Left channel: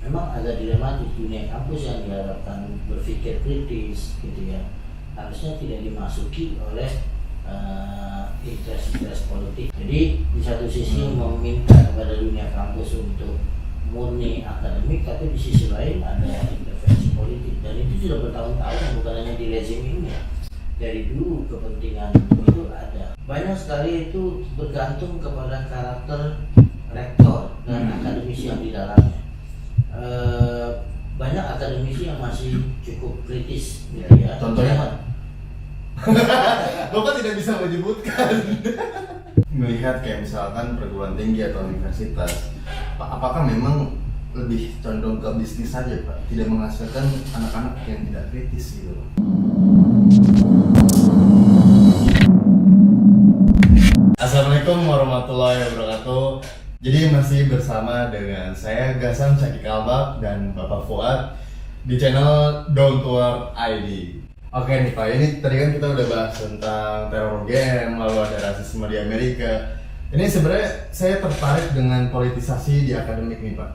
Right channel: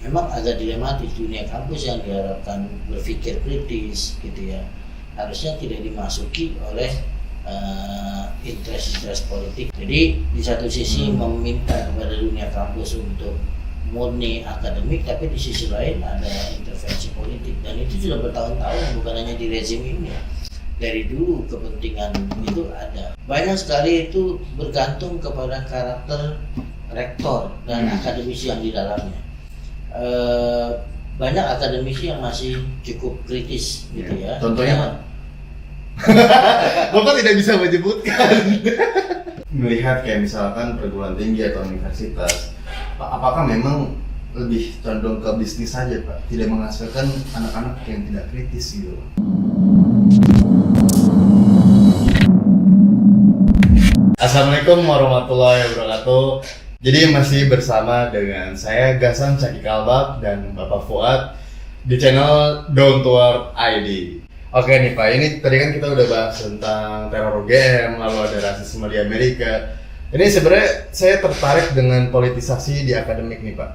memang agak dilematis. Dunia kampus yang diharapkan berpikir kritis gitu ya, harusnya tidak dimasuki oleh interest politik. Jadi di satu sisi meminta kepada dunia kampus untuk murni akademik, tapi di sisi lain ada intervensi politik, dan itu sudah bertahun-tahun, bukan hanya di rezim ini. Dari dulu kepentingan itu ada. Banyak sekali itu bergantung kepada karakter rektor dan akademisi yang di dalamnya. Banyak akademisi yang masih cukup kritis gitu ya. Contohnya Pak? Bapak tidak bisa menyebutkan. Melihat kayak misalkan perguruan tinggi atau universitas, Pak, apakah memang lebih condong ke bisnis saja Pak? Tidak menghasilkan anak-anak yang tidak kritis gitu Pak? Assalamualaikum warahmatullahi wabarakatuh. Jadi masih bersama dengan saya Gasan Caki Kalbak dan Bapak Fuad di channel Down to Earth ID. Oke nih Pak, ini tadi kan kita udah bahas tentang teror game, lalu ada rasisme di Amerika. Ini sebenarnya saya tertarik dengan politisasi di akademik nih Pak.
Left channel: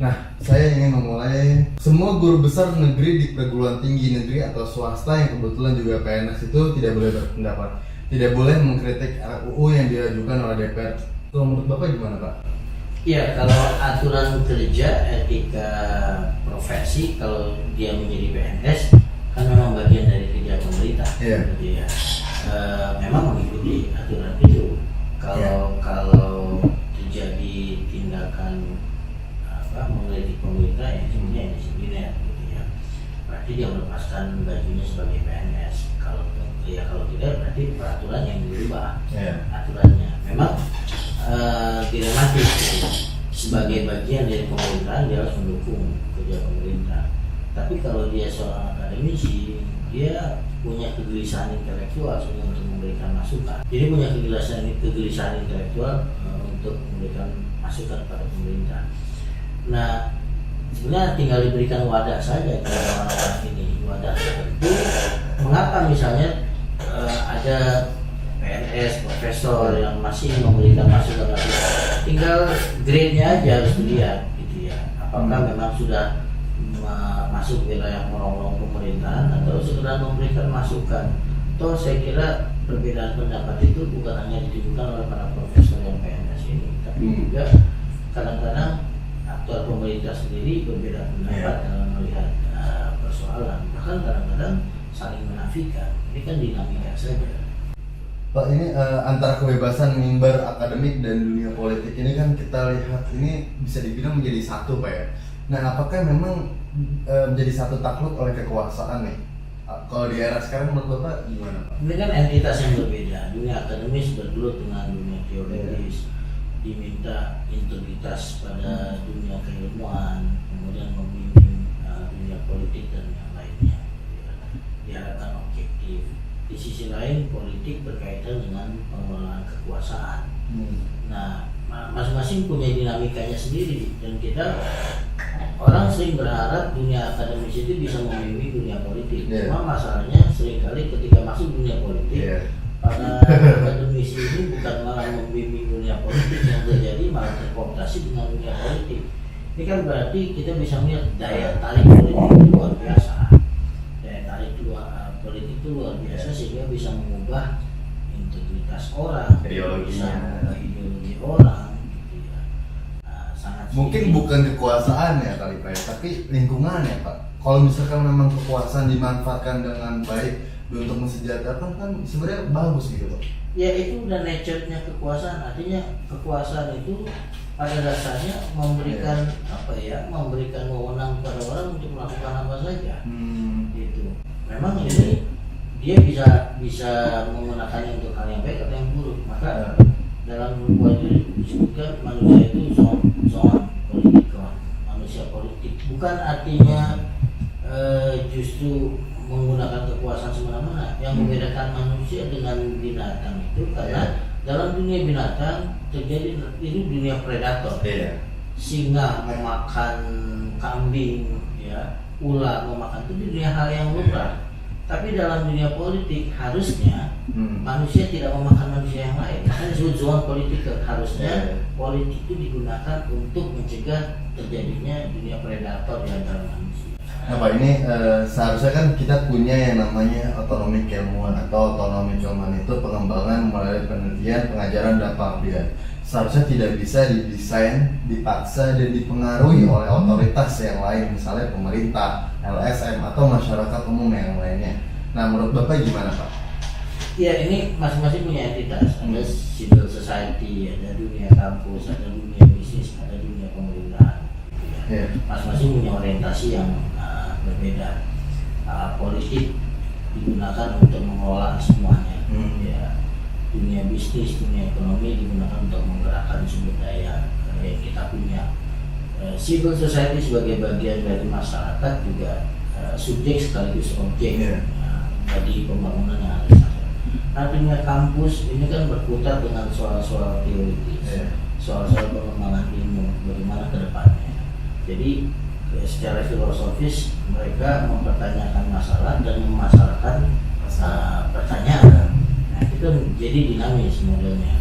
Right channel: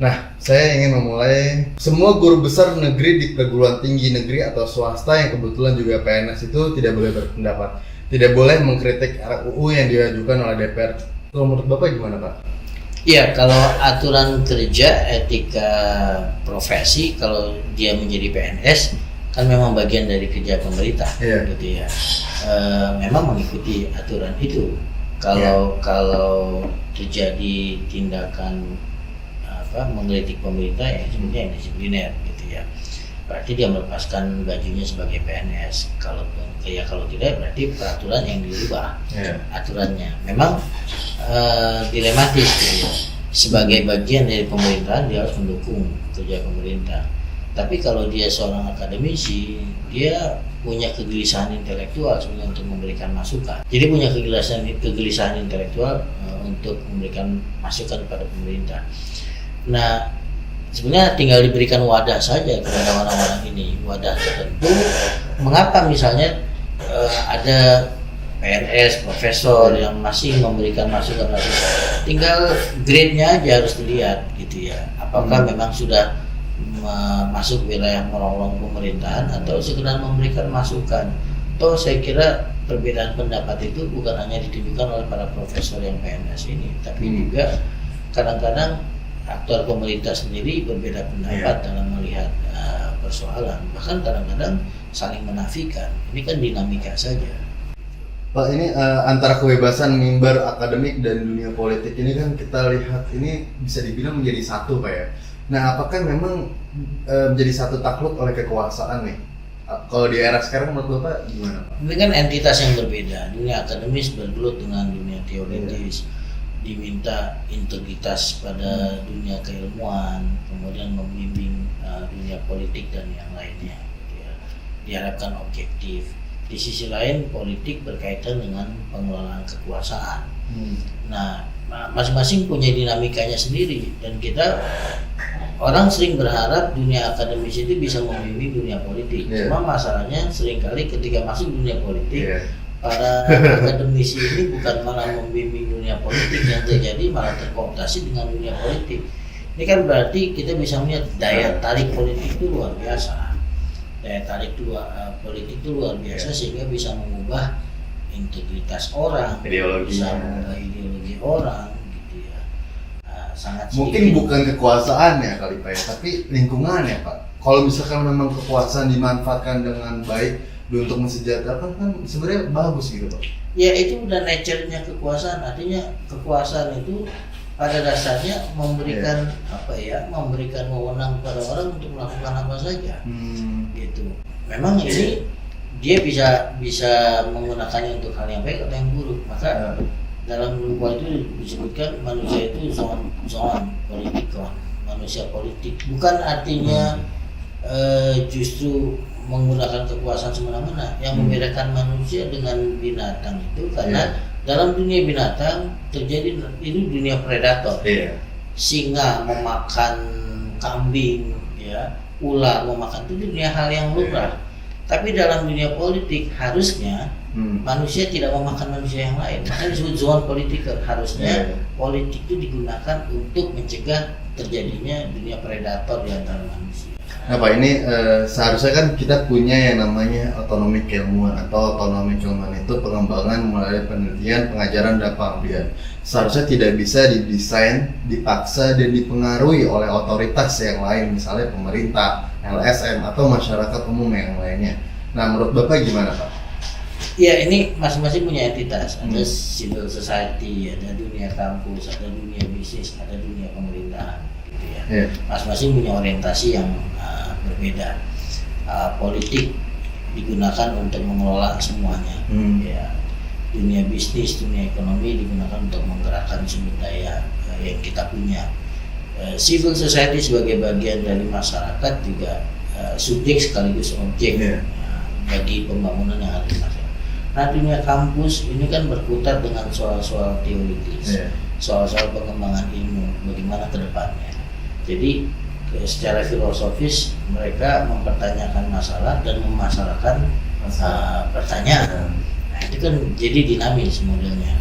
Nah, saya ingin memulai, semua guru besar negeri di perguruan tinggi negeri atau swasta yang kebetulan juga PNS itu tidak boleh berpendapat, tidak boleh mengkritik RUU yang diajukan oleh DPR. Kalau menurut Bapak gimana Pak? Iya, kalau aturan kerja etika profesi, kalau dia menjadi PNS kan memang bagian dari kerja pemerintah, gitu ya. Memang mengikuti aturan itu. Kalau terjadi tindakan mengkritik pemerintah, ya sebenarnya disipliner, gitu ya. Berarti dia melepaskan bajunya sebagai PNS. Kalau tidak, berarti peraturan yang dirubah aturannya. Memang dilematis, gitu ya. Sebagai bagian dari pemerintahan dia harus mendukung kerja pemerintah. Tapi kalau dia seorang akademisi, dia punya kegelisahan intelektual sebenarnya untuk memberikan masukan. Jadi punya kegelisahan intelektual untuk memberikan masukan kepada pemerintah. Nah, sebenarnya tinggal diberikan wadah saja kepada orang-orang ini, wadah tertentu. Mengapa misalnya ada PNS, profesor yang masih memberikan masukan, tinggal grade-nya aja harus dilihat, gitu ya. Apakah memang sudah masuk wilayah menolong pemerintahan atau sekedar memberikan masukan. Toh saya kira perbedaan pendapat itu bukan hanya ditunjukkan oleh para profesor yang PNS ini, tapi juga kadang-kadang aktor pemerintah sendiri berbeda pendapat dalam melihat persoalan, bahkan kadang-kadang saling menafikan. Ini kan dinamika saja. Pak, ini antara kebebasan mimbar akademik dan dunia politik ini kan kita lihat ini bisa dibilang menjadi satu Pak ya. Nah, apakah memang menjadi satu takluk oleh kekuasaan nih? Kalau di era sekarang menurut Bapak gimana Pak? Ini kan entitas yang berbeda. Dunia akademis bergelut dengan dunia teoritis. Diminta integritas pada dunia keilmuan, kemudian membimbing dunia politik dan yang lainnya. Diharapkan objektif. Di sisi lain politik berkaitan dengan pengelolaan kekuasaan. Nah, masing-masing punya dinamikanya sendiri, dan kita orang sering berharap dunia akademis itu bisa membimbing dunia politik. Cuma masalahnya seringkali ketika masuk dunia politik, para akademisi ini bukan malah membimbing dunia politik, yang terjadi malah terkooptasi dengan dunia politik. Ini kan berarti kita bisa melihat daya tarik politik itu luar biasa. Daya tarik politik itu luar biasa sehingga bisa mengubah integritas orang, bisa mengubah ideologi orang, gitu ya. Sangat mungkin bukan kekuasaan ya kali Pak ya, tapi lingkungan ya Pak. Kalau misalkan memang kekuasaan dimanfaatkan dengan baik untuk mensejahterakan, kan sebenarnya bagus gitu Pak. Ya, itu udah nature-nya kekuasaan. Artinya kekuasaan itu pada dasarnya memberikan memberikan wewenang kepada orang untuk melakukan apa saja. Gitu. Memang ini dia bisa menggunakannya untuk hal yang baik atau yang buruk. Maka dalam buku itu disebutkan manusia itu zoon politikon, manusia politik. Bukan artinya justru menggunakan kekuasaan semena-mena. Yang membedakan manusia dengan binatang itu karena dalam dunia binatang terjadi itu dunia predator. Singa memakan kambing, ya, ular memakan, itu dunia hal yang lumrah. Tapi dalam dunia politik harusnya manusia tidak memakan manusia yang lain. Makanya disebut zoon politikon. Harusnya politik itu digunakan untuk mencegah terjadinya dunia predator di antara manusia. Nah Pak, ini seharusnya kan kita punya yang namanya otonomi keilmuan atau otonomi keilmuan itu pengembangan melalui penelitian, pengajaran, dan pengabdian. Seharusnya tidak bisa didesain, dipaksa, dan dipengaruhi oleh otoritas yang lain, misalnya pemerintah, LSM, atau masyarakat umum yang lainnya. Nah menurut Bapak gimana Pak? Ya, ini masing-masing punya entitas. Ada civil society, ada dunia kampus, ada dunia bisnis, ada dunia pemerintahan. Gitu ya. Masing-masing punya orientasi yang berbeda. Politik digunakan untuk mengelola semuanya. Ya, dunia bisnis, dunia ekonomi digunakan untuk menggerakkan sumber daya yang kita punya. Civil society sebagai bagian dari masyarakat juga subjek sekaligus objek bagi pembangunan yang harus ada. Nah, dunia kampus ini kan berputar dengan soal-soal teoritis, soal-soal pengembangan ilmu, bagaimana ke depannya. Jadi secara filosofis mereka mempertanyakan masalah dan memasarkan pertanyaan. Nah, itu kan jadi dinamis modelnya.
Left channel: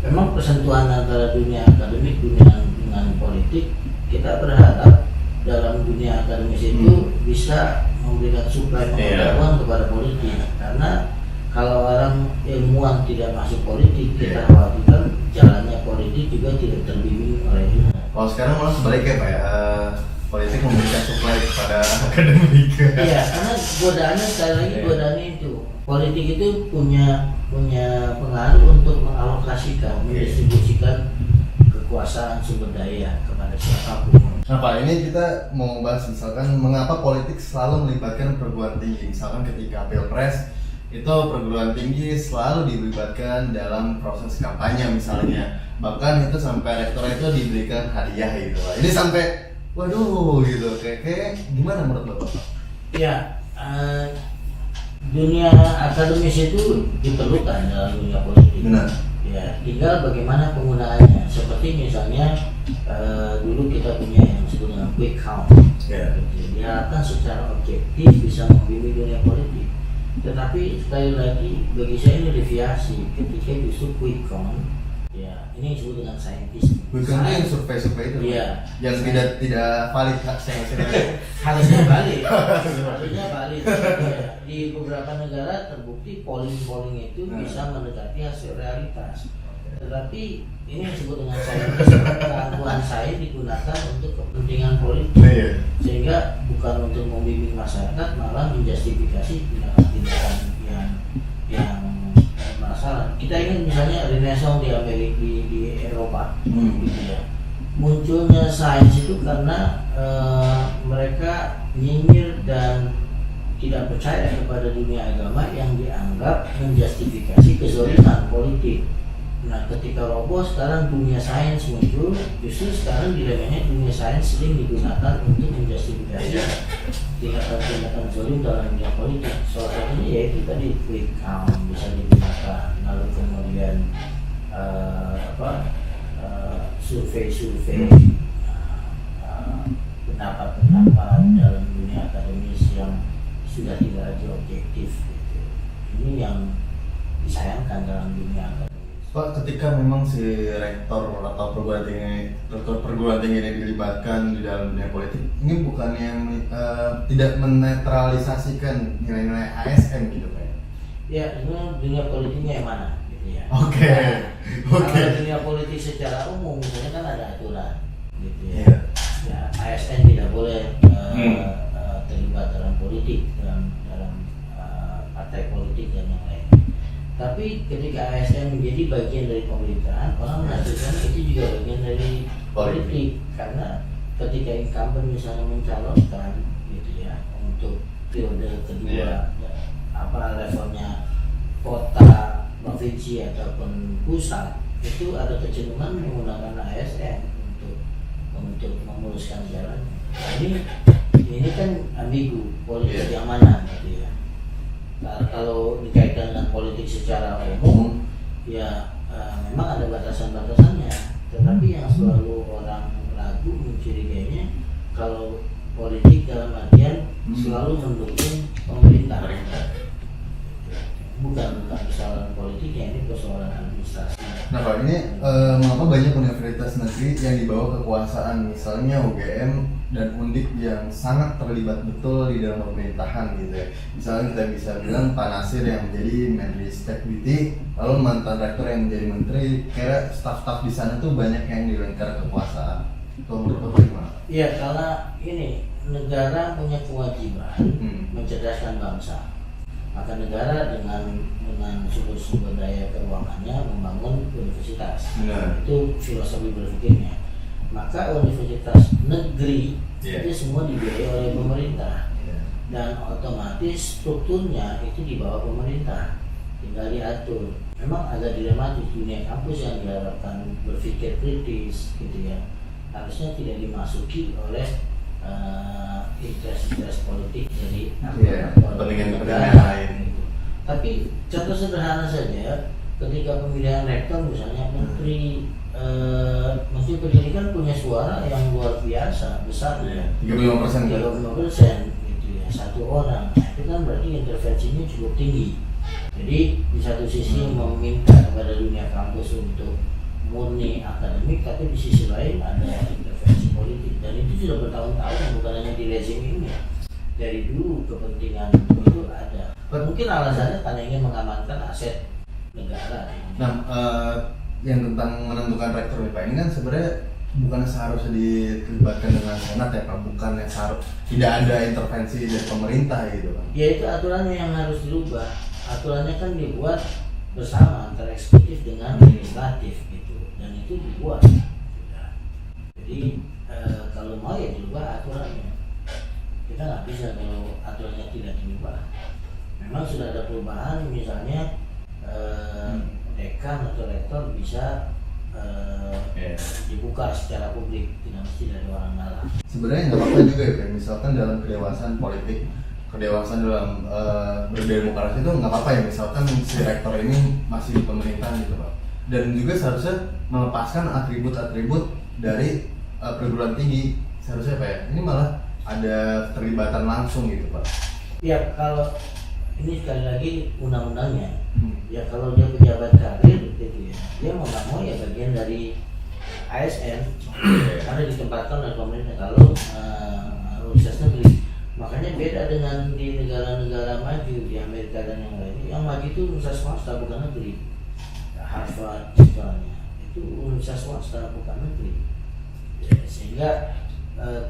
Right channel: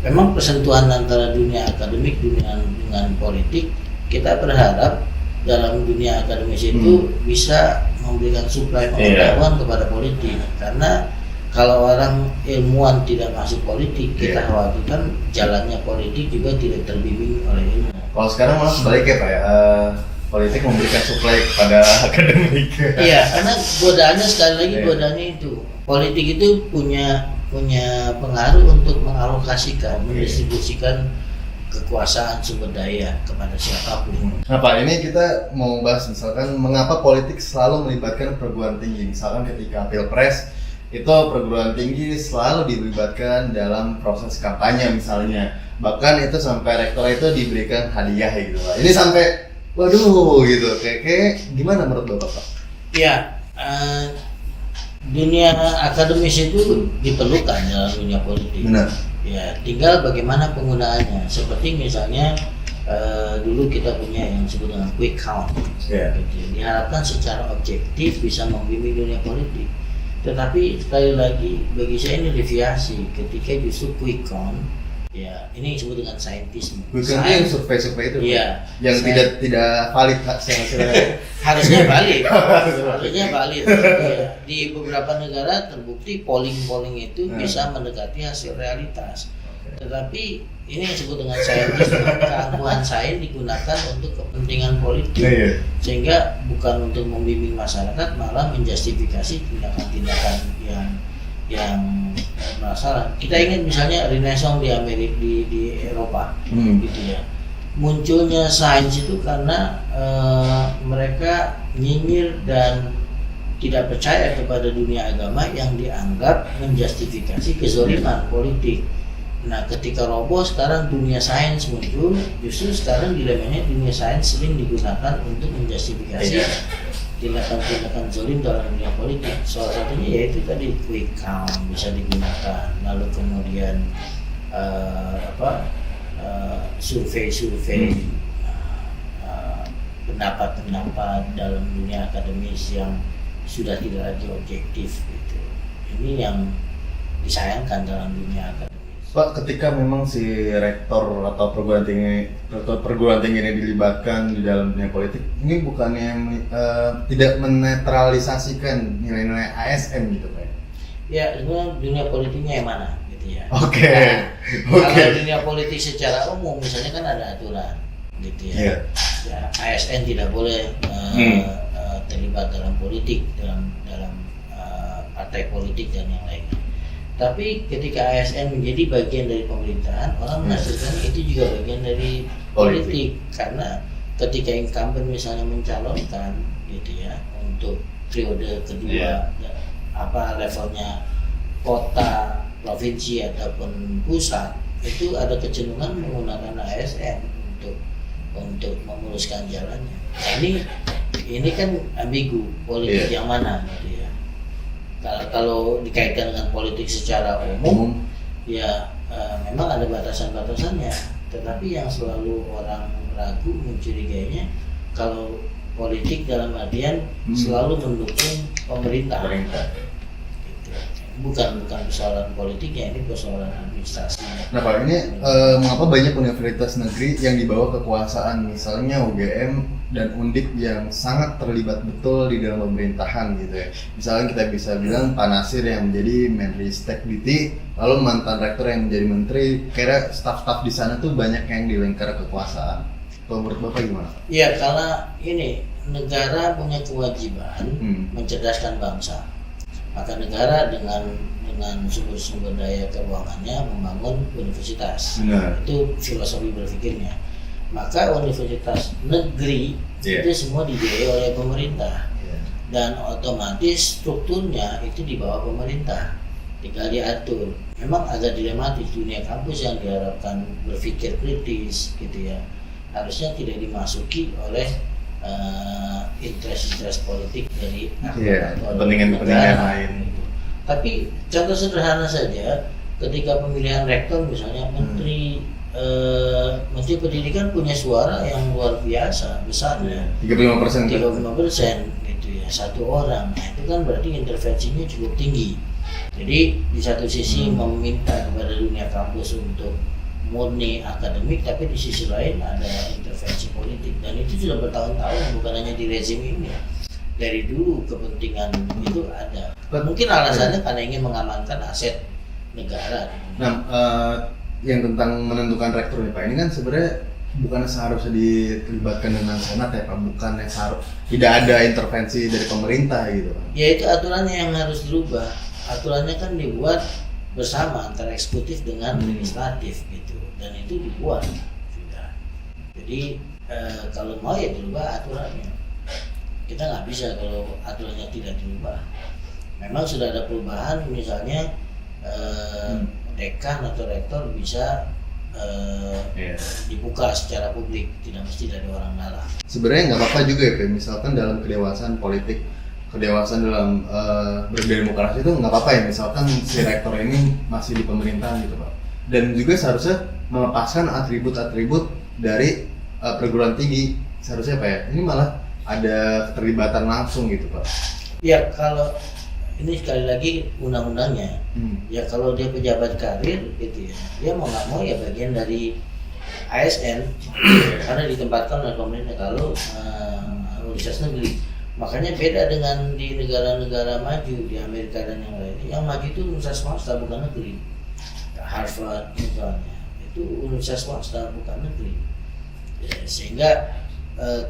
Memang persentuhan antara dunia akademik dengan politik, kita berharap dalam dunia akademis itu bisa memberikan suplai pengetahuan kepada politik. Karena kalau orang ilmuwan tidak masuk politik, kita khawatirkan jalannya politik juga tidak terbimbing oleh ilmu. Kalau sekarang malah sebaliknya Pak ya, politik memberikan suplai kepada akademik. Iya, karena godaannya sekali lagi godaannya itu. Politik itu punya pengaruh untuk mengalokasikan, mendistribusikan kekuasaan sumber daya kepada siapapun. Nah Pak, ini kita mau bahas misalkan mengapa politik selalu melibatkan perguruan tinggi. Misalkan ketika Pilpres, itu perguruan tinggi selalu dilibatkan dalam proses kampanye misalnya. Bahkan itu sampai rektor itu diberikan hadiah gitu Pak. Ini sampai waduh gitu, kayak gimana menurut Bapak Pak? Ya, dunia akademis itu diperlukan dalam dunia politik. Benar. Ya, tinggal bagaimana penggunaannya. Seperti misalnya dulu kita punya yang disebut dengan quick count. Gitu. Diharapkan secara objektif bisa membimbing dunia politik. Tetapi sekali lagi bagi saya ini deviasi ketika justru quick count. Ya, ini disebut dengan saintis. Bukan yang survei-survei itu, iya, yang tidak valid hasilnya. Harusnya valid. Harusnya valid. Ya. Di beberapa negara terbukti polling itu bisa mendekati hasil realitas. Tetapi ini yang disebut dengan saintis, keangkuhan sains digunakan untuk kepentingan politik, sehingga bukan untuk membimbing masyarakat, malah menjustifikasi tindakan-tindakan yang masalah. Kita ingat misalnya Renaissance di Amerika, di Eropa, gitu ya. Munculnya sains itu karena mereka nyinyir dan tidak percaya kepada dunia agama yang dianggap menjustifikasi kezaliman politik. Nah, ketika roboh sekarang dunia sains muncul, justru sekarang dilemanya dunia sains sering digunakan untuk menjustifikasi tindakan-tindakan zalim dalam dunia politik. Salah satunya yaitu tadi quick count bisa digunakan, lalu kemudian survei-survei, pendapat-pendapat dalam dunia akademis yang sudah tidak lagi objektif gitu. Ini yang disayangkan dalam dunia akademis. Pak, ketika memang si rektor atau perguruan tinggi ini dilibatkan di dalam dunia politik, ini bukannya tidak menetralisasikan nilai-nilai ASN gitu Pak? Ya, sebenarnya dunia politiknya yang mana gitu ya. Oke. Kalau dunia politik secara umum misalnya kan ada aturan gitu ya. Ya, ASN tidak boleh terlibat dalam politik, dalam partai politik dan yang lainnya. Tapi ketika ASN menjadi bagian dari pemerintahan, orang menafsirkan itu juga bagian dari politik. Karena ketika incumbent misalnya mencalonkan gitu ya untuk periode kedua, apa levelnya kota, provinsi ataupun pusat, itu ada kecenderungan menggunakan ASN untuk memuluskan jalannya. Ini kan ambigu, politik yang mana gitu ya. Kalau dikaitkan dengan politik secara umum, ya memang ada batasan-batasannya. Tetapi yang selalu orang ragu mencurigainya kalau politik dalam artian selalu mendukung pemerintah. Gitu. bukan persoalan politiknya, ini persoalan administrasi. Nah Pak, ini mengapa banyak universitas negeri yang dibawa kekuasaan, misalnya UGM dan Undip yang sangat terlibat betul di dalam pemerintahan gitu ya. Misalnya kita bisa bilang Pak Nasir yang menjadi Menristek Dikti, lalu mantan rektor yang menjadi menteri, kira staf-staf di sana tuh banyak yang di lingkar kekuasaan. Kalau menurut Bapak gimana? Ya, karena ini negara punya kewajiban mencerdaskan bangsa. Maka negara dengan sumber-sumber daya keuangannya membangun universitas. Itu filosofi berpikirnya. Maka universitas negeri itu semua dibiayai oleh pemerintah, dan otomatis strukturnya itu di bawah pemerintah, tinggal diatur. Memang agak dilematis dunia kampus yang diharapkan berpikir kritis gitu ya, harusnya tidak dimasuki oleh interest politik dari kepentingan lain. Tapi contoh sederhana saja, ketika pemilihan rektor misalnya menteri pendidikan punya suara yang luar biasa besarnya, 35% gitu ya, satu orang. Nah, itu kan berarti intervensinya cukup tinggi. Jadi di satu sisi meminta kepada dunia kampus untuk murni akademik, tapi di sisi lain ada intervensi politik, dan itu sudah bertahun-tahun, bukan hanya di rezim ini. Dari dulu kepentingan itu ada. Mungkin alasannya karena ingin mengamankan aset negara. Nah, yang tentang menentukan rektor nih Pak, ini kan sebenarnya bukan seharusnya dilibatkan dengan senat ya Pak, bukan tidak ada intervensi dari pemerintah gitu Pak. Ya itu aturannya yang harus dirubah. Aturannya kan dibuat bersama antara eksekutif dengan legislatif gitu, dan itu dibuat sudah. Jadi kalau mau ya dirubah aturannya. Kita nggak bisa kalau aturannya tidak dirubah. Memang sudah ada perubahan, misalnya dekan atau rektor bisa dibuka secara publik, tidak mesti dari orang dalam. Sebenarnya nggak apa-apa juga ya, kayak misalkan dalam kedewasaan politik, kedewasaan dalam berdemokrasi itu nggak apa-apa ya, misalkan si rektor ini masih di pemerintahan gitu Pak, dan juga seharusnya melepaskan atribut-atribut dari perguruan tinggi, seharusnya Pak ya, ini malah ada keterlibatan langsung gitu Pak. Ya kalau ini sekali lagi undang-undangnya, ya kalau dia pejabat karir gitu ya, dia mau nggak mau ya bagian dari ASN karena ditempatkan oleh pemerintah. Kalau universitas negeri, makanya beda dengan di negara-negara maju, di Amerika dan yang lain. Yang maju itu universitas swasta bukan negeri. Harvard misalnya itu universitas swasta bukan negeri, ya, sehingga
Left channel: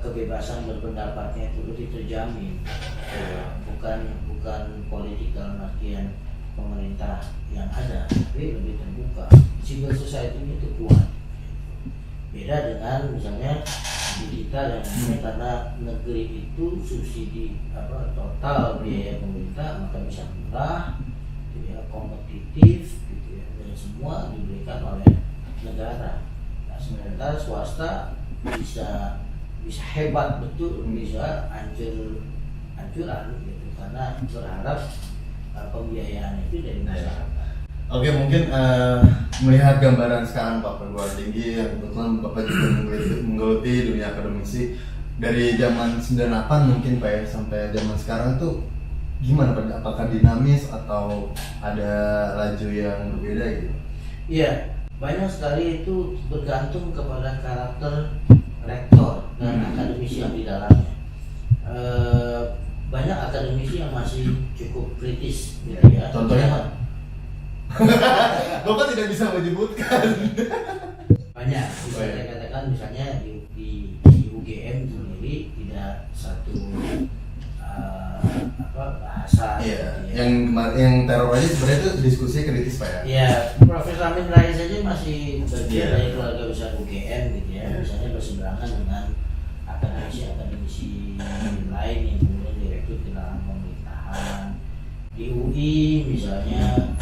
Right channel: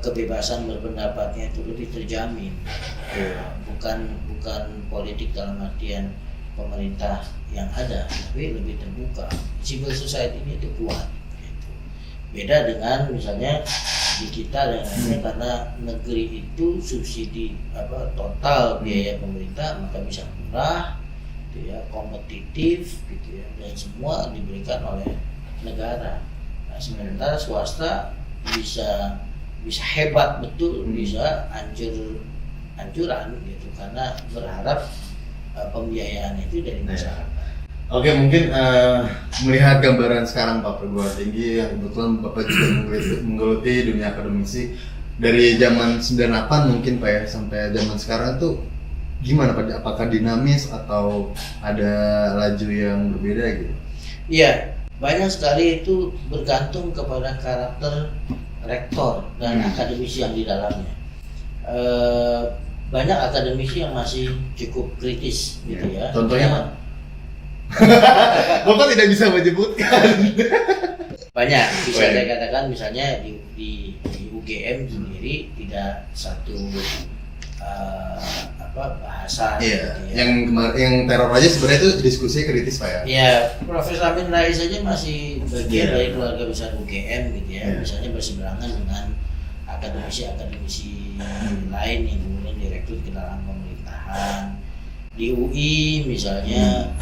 kebebasan berpendapatnya itu lebih terjamin, bukan politik dalam artian pemerintah yang ada, tapi lebih terbuka. Civil society ini itu kuat. Beda dengan misalnya di kita dan karena negeri itu subsidi total biaya pemerintah, maka bisa murah, gitu ya, kompetitif, gitu ya, dan semua diberikan oleh negara. Nah, sementara swasta bisa hebat betul, bisa hancuran gitu, karena berharap pembiayaan itu dari masyarakat. Oke, mungkin melihat gambaran sekarang Pak perguruan tinggi yang kebetulan Bapak juga menggeluti dunia akademisi dari zaman 98 mungkin Pak ya sampai zaman sekarang tuh gimana Pak? Apakah dinamis atau ada laju yang berbeda gitu? Iya, banyak sekali itu bergantung kepada karakter rektor dan akademisi yang di dalamnya. Banyak akademisi yang masih cukup kritis gitu ya. Contohnya Bapak tidak bisa menyebutkan. Banyak, bisa saya katakan misalnya di UGM sendiri tidak satu bahasa gitu ya. Yang teror aja sebenarnya itu diskusi kritis Pak ya. Ya, Profesor Amin Rais saja masih bagian dari keluarga besar UGM gitu ya. Misalnya berseberangan dengan akademisi lain yang kemudian direkrut ke dalam pemerintahan. Di UI misalnya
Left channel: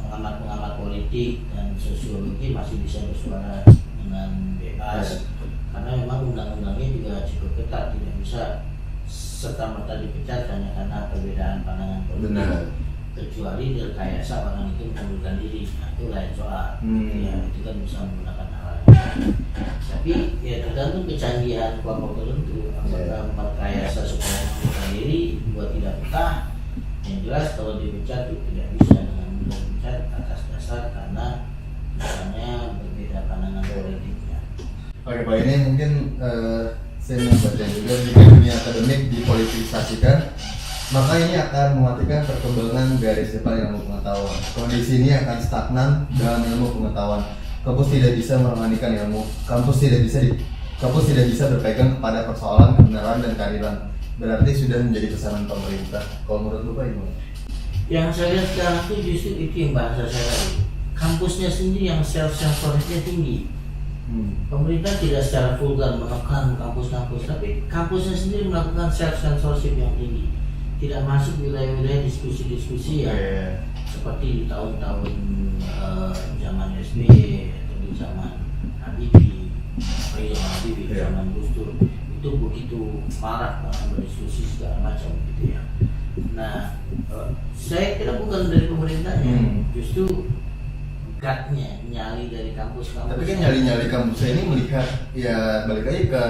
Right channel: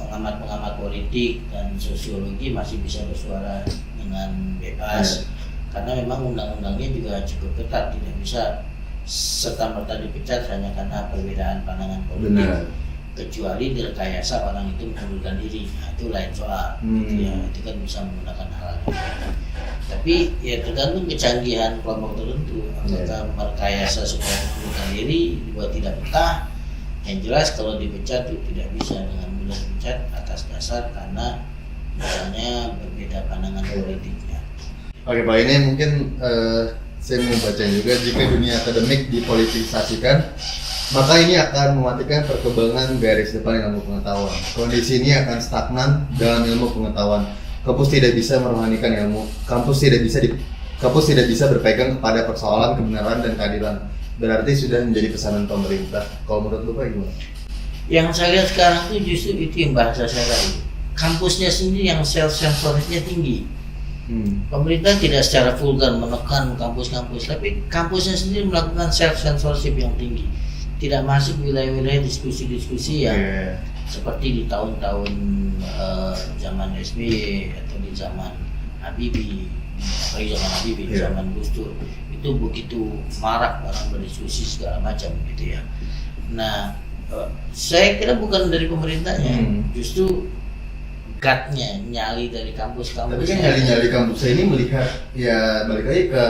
pengamat-pengamat politik dan sosiologi masih bisa bersuara dengan bebas. Karena memang undang-undangnya juga cukup ketat, tidak bisa serta-merta dipecat hanya karena perbedaan pandangan politik. Kecuali direkayasa orang itu mengundurkan diri, nah, itu lain soal. Gitu ya, itu kan bisa menggunakan hal lain. Tapi Tapi ya tergantung kecanggihan kelompok tertentu, apakah merekayasa supaya mengundurkan diri dibuat tidak betah. Yang jelas kalau dipecat itu tidak bisa dengan mudah dipecat atas dasar karena misalnya berbeda pandangan politiknya. Oke Pak, ini mungkin saya mau baca juga, jika dunia akademik dipolitisasikan, maka ini akan mematikan perkembangan garis depan ilmu pengetahuan. Kondisi ini akan stagnan dalam ilmu pengetahuan. Kampus tidak bisa merohanikan ilmu. Kampus tidak bisa berpegang kepada persoalan kebenaran dan keadilan. Berarti sudah menjadi pesanan pemerintah. Kalau menurut Bapak gimana? Yang saya lihat sekarang itu justru itu yang bahasa saya tadi. Kampusnya sendiri yang self-censorship-nya tinggi. Pemerintah tidak secara vulgar menekan kampus-kampus, tapi kampusnya sendiri melakukan self-censorship yang tinggi. Tidak masuk wilayah-wilayah diskusi-diskusi yang seperti di tahun-tahun zaman SBY atau di zaman Habibie, zaman Gus Dur. Itu begitu marak orang berdiskusi segala macam gitu ya. Nah, saya kira bukan dari pemerintahnya, justru gutnya, nyali dari kampus-kampus. Tapi kan nyali kampusnya ini melihat ya balik lagi ke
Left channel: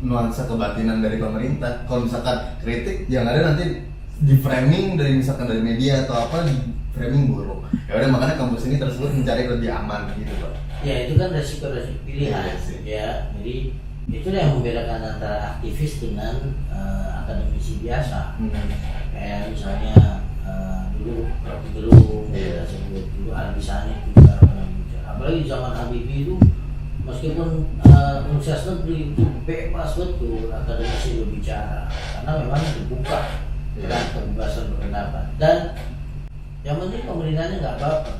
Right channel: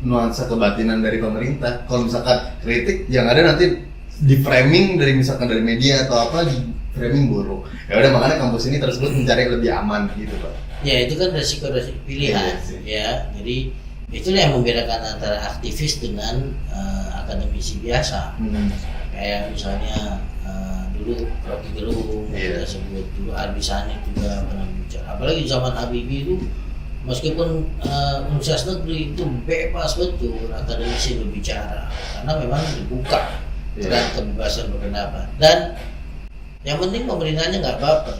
nuansa kebatinan dari pemerintah. Kalau misalkan kritik yang ada nanti di framing dari misalkan dari media atau apa, di framing buruk. Ya udah, makanya kampus ini tersebut mencari lebih aman gitu Pak. Ya itu kan resiko pilihan ya. Jadi itulah yang membedakan antara aktivis dengan akademisi biasa. Kayak misalnya dulu Rocky Gerung, kita sebut dulu Arbisani juga pernah bicara. Apalagi zaman Habibie itu, meskipun universitas negeri itu bebas betul akademisi berbicara, karena memang dibuka dan kebebasan berpendapat. Dan yang penting pemerintahnya nggak baper.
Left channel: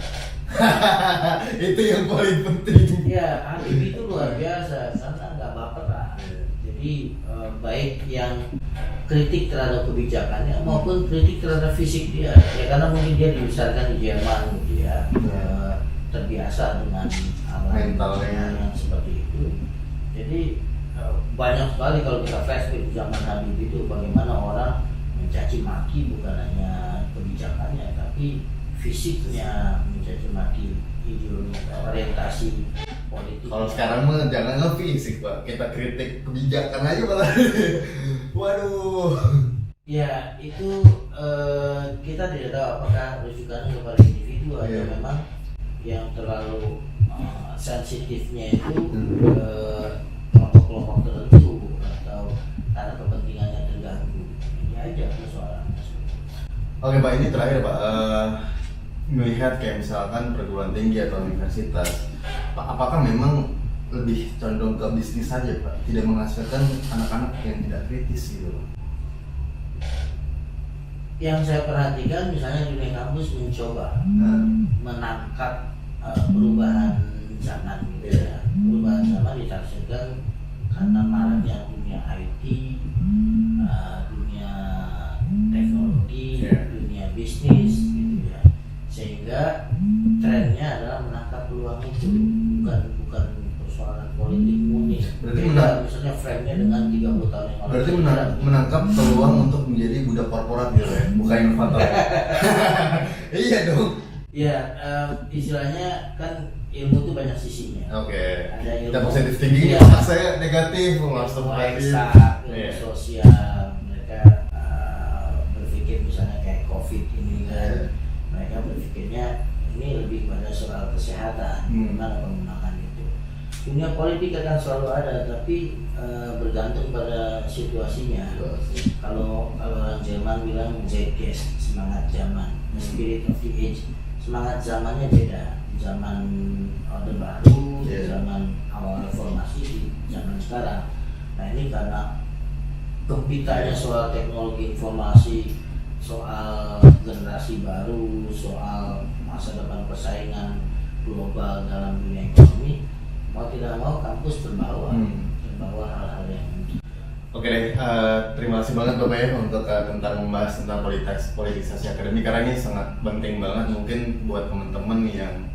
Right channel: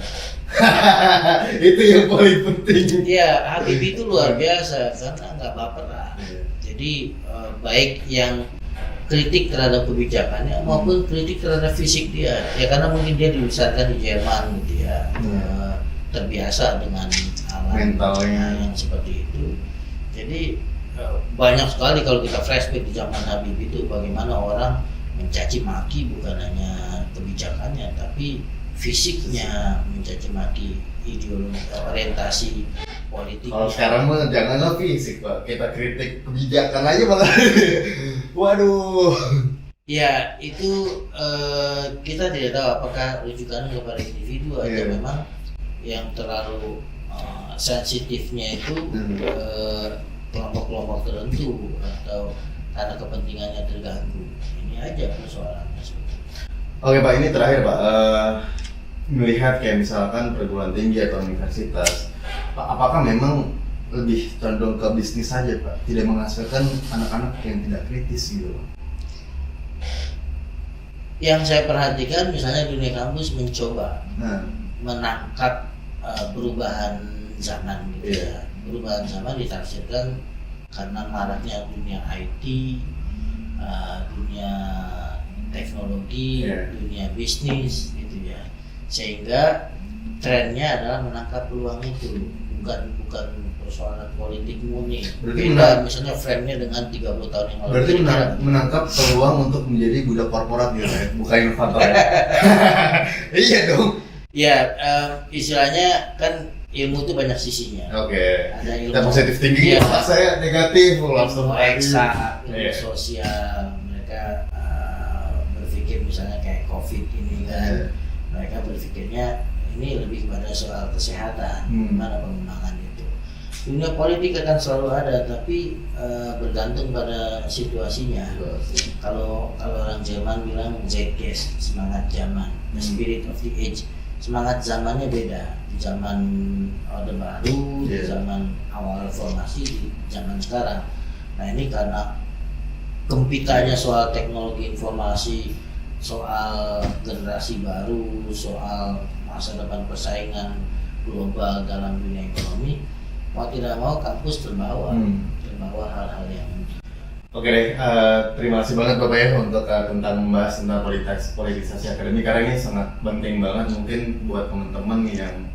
Itu yang paling penting. Ya, Habibie itu luar biasa karena nggak baperan. Jadi baik yang kritik terhadap kebijakannya maupun kritik terhadap fisik dia, ya karena mungkin dia dibesarkan di Jerman gitu ya, terbiasa dengan alam mentalnya yang seperti itu. Jadi banyak sekali kalau kita flashback di zaman Habibie itu bagaimana orang mencaci maki bukan hanya kebijakannya tapi fisiknya, mencaci maki ideologi orientasi politik. Kalau sekarang mah janganlah fisik Pak, kita kritik kebijakan aja malah. Waduh. Ya itu kita tidak tahu apakah rujukan kepada individu atau memang yang terlalu sensitifnya itu kelompok-kelompok tertentu atau karena kepentingannya terganggu. Ini aja persoalannya. Oke Pak, ini terakhir Pak. Melihat kayak misalkan perguruan tinggi atau universitas, Pak, apakah memang lebih condong ke bisnis saja Pak, tidak menghasilkan anak-anak yang tidak kritis gitu Pak? Yang saya perhatikan misalnya dunia kampus mencoba menangkap perubahan zaman gitu ya. Perubahan zaman ditafsirkan karena maraknya dunia IT, dunia teknologi, dunia bisnis gitu ya. Sehingga trennya adalah menangkap peluang itu, bukan persoalan politik murni. Beda misalnya frame-nya dengan 30 tahun yang lalu. Berarti menangkap peluang untuk menjadi budak korporat gitu ya, bukan inovator ya? Iya dong. Ya, istilahnya kan ilmu itu banyak sisinya. Oke. Ada ilmu kita positif thinking, saya negatif, ilmu eksak, ilmu sosial. Mereka berpikir misalnya kayak COVID ini kan, mereka berpikirnya ini lebih pada soal kesehatan, bagaimana pengembangan itu. Dunia politik akan selalu ada, tapi bergantung pada situasinya. Kalau orang Jerman bilang Zeitgeist, semangat zaman, the spirit of the age. Semangat zamannya beda. Di zaman Orde Baru, di zaman awal reformasi, di zaman sekarang. Nah ini karena kempitannya soal teknologi informasi, soal generasi baru, soal masa depan persaingan global dalam dunia ekonomi, mau tidak mau kampus terbawa hal-hal yang Oke deh, terima kasih banget Bapak ya untuk tentang membahas tentang politisasi akademik, karena ini sangat penting banget. Mungkin buat teman-teman yang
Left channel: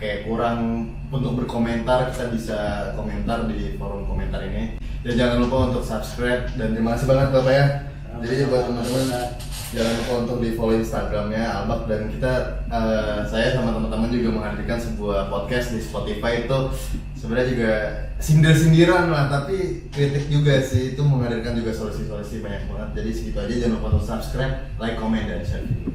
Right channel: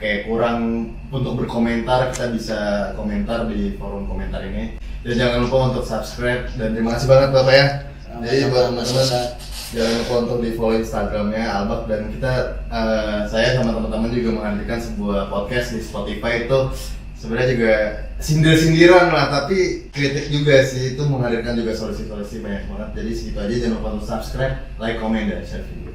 kayak kurang untuk berkomentar, kita bisa komentar di forum komentar ini. Dan jangan lupa untuk subscribe, dan terima kasih banget Bapak ya. Jadi buat teman-teman jangan lupa untuk di follow Instagramnya Albak, dan kita saya sama teman-teman juga menghadirkan sebuah podcast di Spotify itu sebenarnya juga sindir-sindiran lah, tapi kritik juga sih, itu menghadirkan juga solusi-solusi banyak banget. Jadi segitu aja, jangan lupa untuk subscribe, like, comment, dan share video.